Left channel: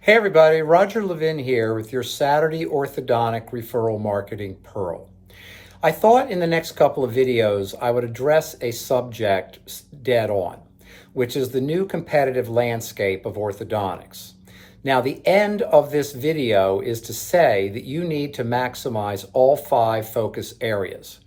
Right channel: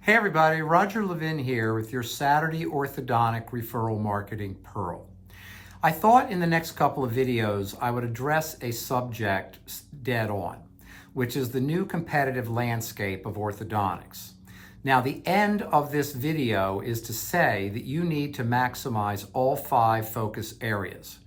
Hey everybody, Roger Levin here with your Saturday Orthodontic Referral Marketing Pearl. I thought in the next couple of videos I would address a subject dead on, which is the new competitive landscape of orthodontics. Now, the end of this video is to say that you need to maximize all 5 focus areas,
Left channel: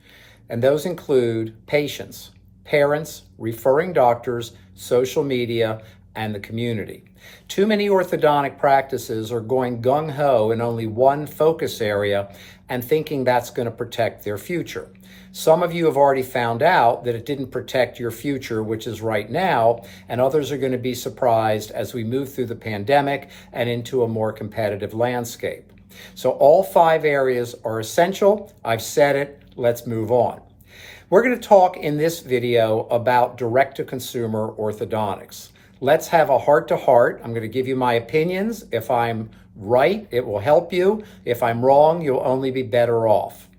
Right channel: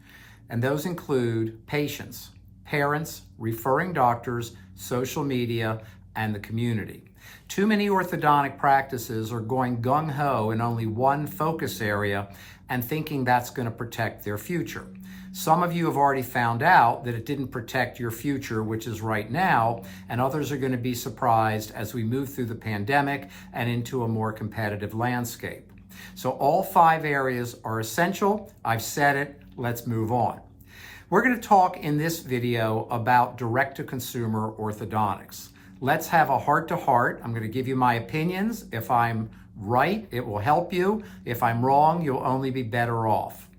and those include patients, parents, referring doctors, social media, and the community. Too many orthodontic practices are going gung-ho in only one focus area and thinking that's going to protect their future. Some of you have already found out that it didn't protect your future, which is right now, and others are going to be surprised as we move through the pandemic and into a more competitive landscape. So all 5 areas are essential. I've said it. Let's move on. We're going to talk in this video about direct-to-consumer orthodontics. Let's have a heart-to-heart. I'm going to give you my opinions. If I'm right, it will help you. If I'm wrong, you'll only be better off.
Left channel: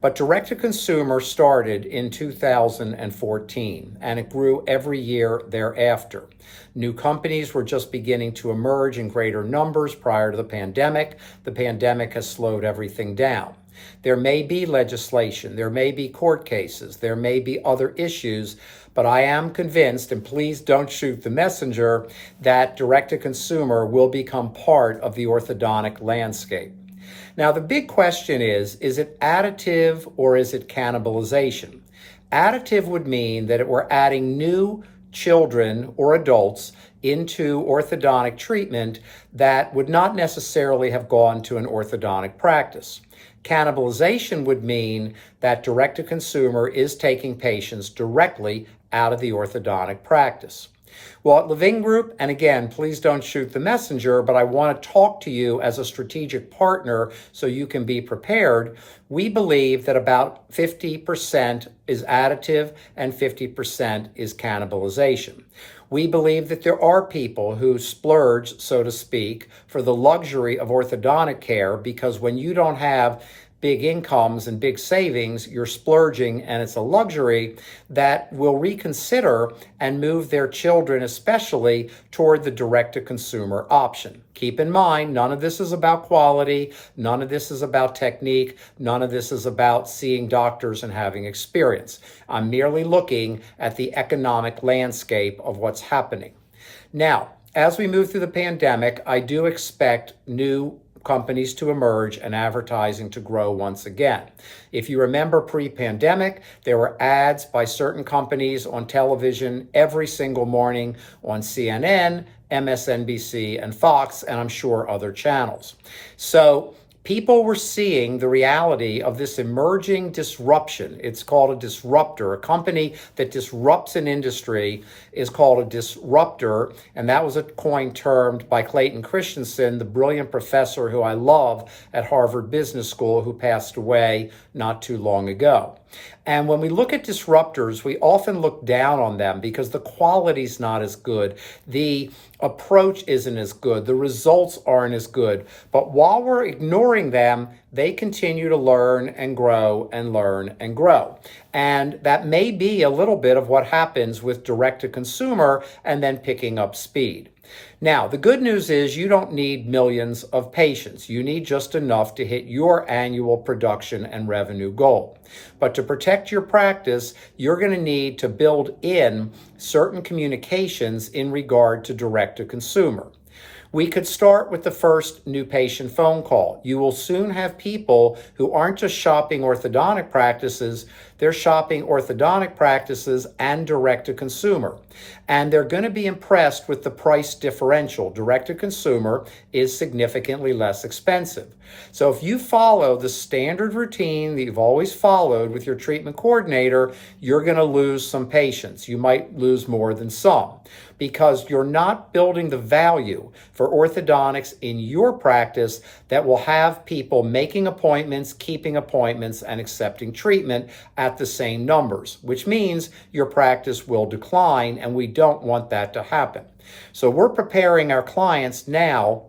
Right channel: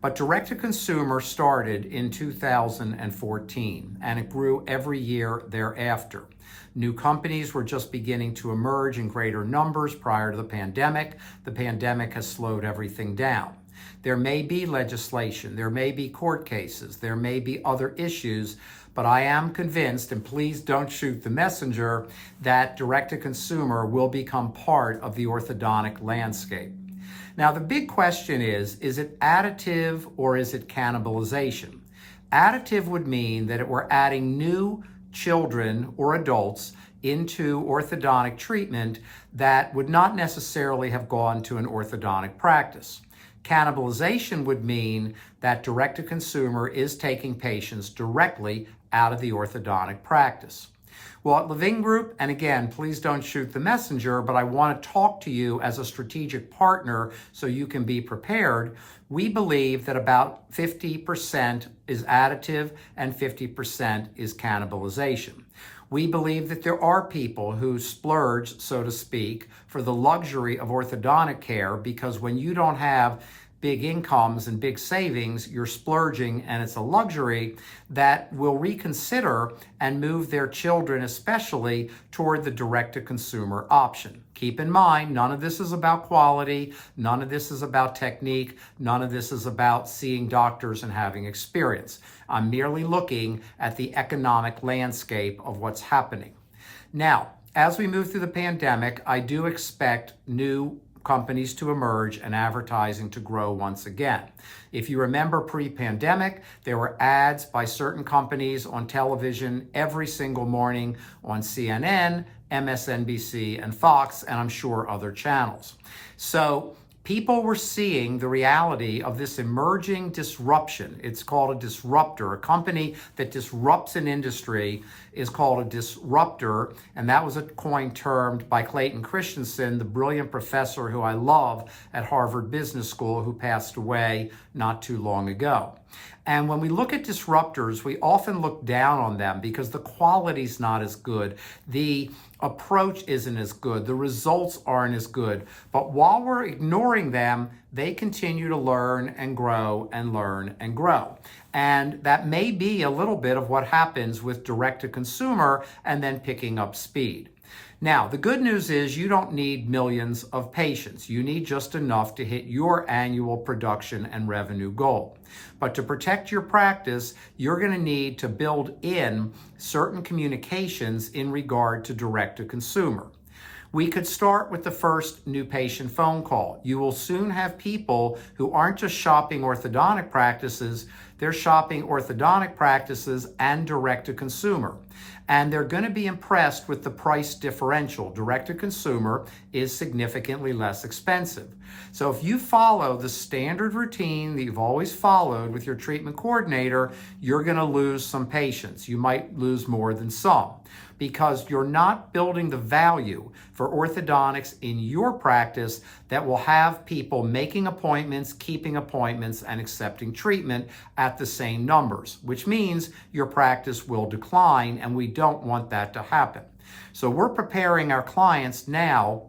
But direct-to-consumer started in 2014, and it grew every year thereafter. New companies were just beginning to emerge in greater numbers prior to the pandemic. The pandemic has slowed everything down. There may be legislation, there may be court cases, there may be other issues, but I am convinced, and please don't shoot the messenger, that direct-to-consumer will become part of the orthodontic landscape. Now, the big question is it additive or is it cannibalization? Additive would mean that we're adding new children or adults into orthodontic treatment that would not necessarily have gone to an orthodontic practice. Cannibalization would mean that direct-to-consumer is taking patients directly out of the orthodontic practice. Well, at Levin Group, and again, please don't shoot the messenger, but I want to talk to you as a strategic partner so you can be prepared. We believe that about 50% is additive and 50% is cannibalization. We believe that there are people who splurge, so to speak, for the luxury of orthodontic care, because when you don't have big incomes and big savings, you're splurging, and it's a luxury that will reconsider and move their children especially toward the direct-to-consumer option. Keep in mind, none of this is about quality, none of this is about technique, none of this is about seeing doctors and having experience. I'm merely looking at the economic landscape of what's happening. Now, as we move through the pandemic, I do expect new companies to emerge and advertising to grow once again. If you remember pre-pandemic, there were ads by certain companies on television every single morning on CNN, MSNBC, and Fox, and I'm sure other channels. So people were seeing the reality of this emerging disruption. It's called a disruptor. A company that disrupts an industry is called a disruptor, and that was a coin termed by Clayton Christensen, the brilliant professor who I love at Harvard Business School, who passed away not too long ago. And when we look at disruptors, we often look down on them because the quality's not as good, the approach isn't as good, the results aren't as good. But while we're ignoring them, they continue to learn and grow and learn and grow. And that may be a little bit of what happens with direct-to-consumer and then picking up speed. Now, the good news is you don't need millions of patients. You need just enough to hit your annual production and revenue goal. But to protect your practice, you're going to need to build in certain communications in regard to direct-to-consumer. We could start with the first new patient phone call. You will soon have people who aren't just shopping orthodontic practices, they're shopping orthodontic practices and direct-to-consumer. And they're going to be impressed with the price differential. Direct-to-consumer is significantly less expensive. So if you follow the standard routine that you've always followed with your treatment coordinator, you're going to lose some patients. You might lose more than some, because you're not building the value for orthodontics in your practice that will have people making appointments, keeping appointments, and accepting treatment at the same numbers, which means your practice will decline, and we don't want that to happen. So we're preparing our clients now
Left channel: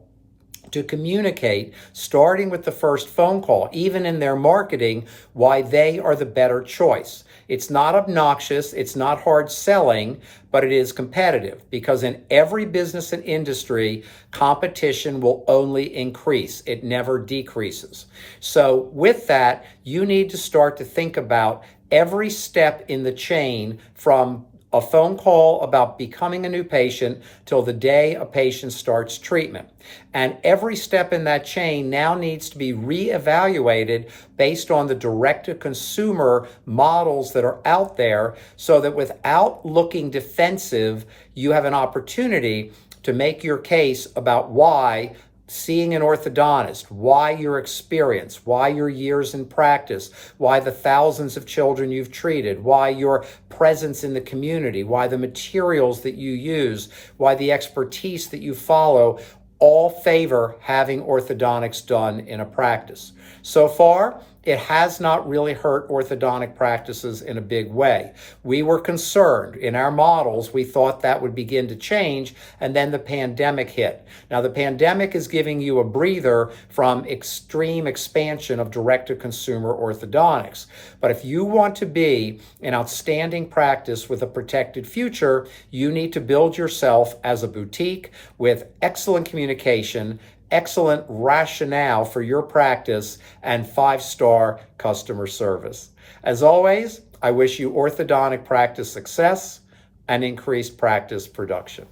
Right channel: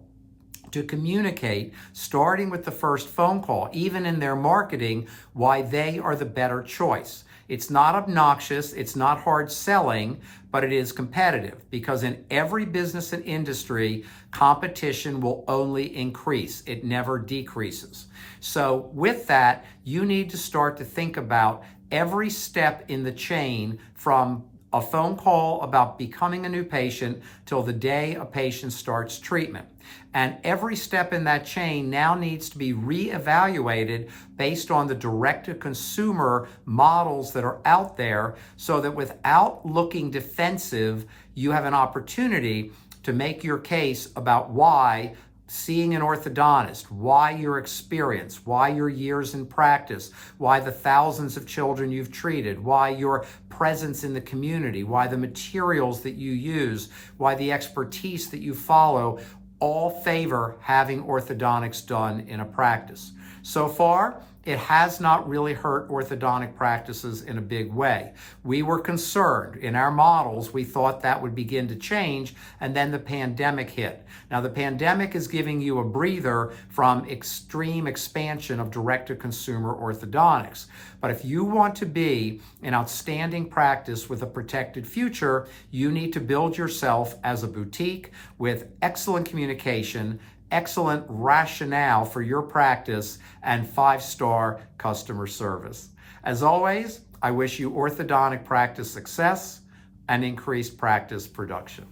to communicate, starting with the first phone call, even in their marketing, why they are the better choice. It's not obnoxious, it's not hard selling, but it is competitive because in every business and industry, competition will only increase. It never decreases. So with that, you need to start to think about every step in the chain from a phone call about becoming a new patient till the day a patient starts treatment. And every step in that chain now needs to be reevaluated based on the direct-to-consumer models that are out there so that without looking defensive, you have an opportunity to make your case about why seeing an orthodontist, why your experience, why your years in practice, why the thousands of children you've treated, why your presence in the community, why the materials that you use, why the expertise that you follow, all favor having orthodontics done in a practice. So far, it has not really hurt orthodontic practices in a big way. We were concerned in our models. We thought that would begin to change, and then the pandemic hit. Now, the pandemic is giving you a breather from extreme expansion of direct-to-consumer orthodontics. But if you want to be an outstanding practice with a protected future, you need to build yourself as a boutique with excellent communication, excellent rationale for your practice, and 5-star customer service. As always, I wish you orthodontic practice success and increased practice production.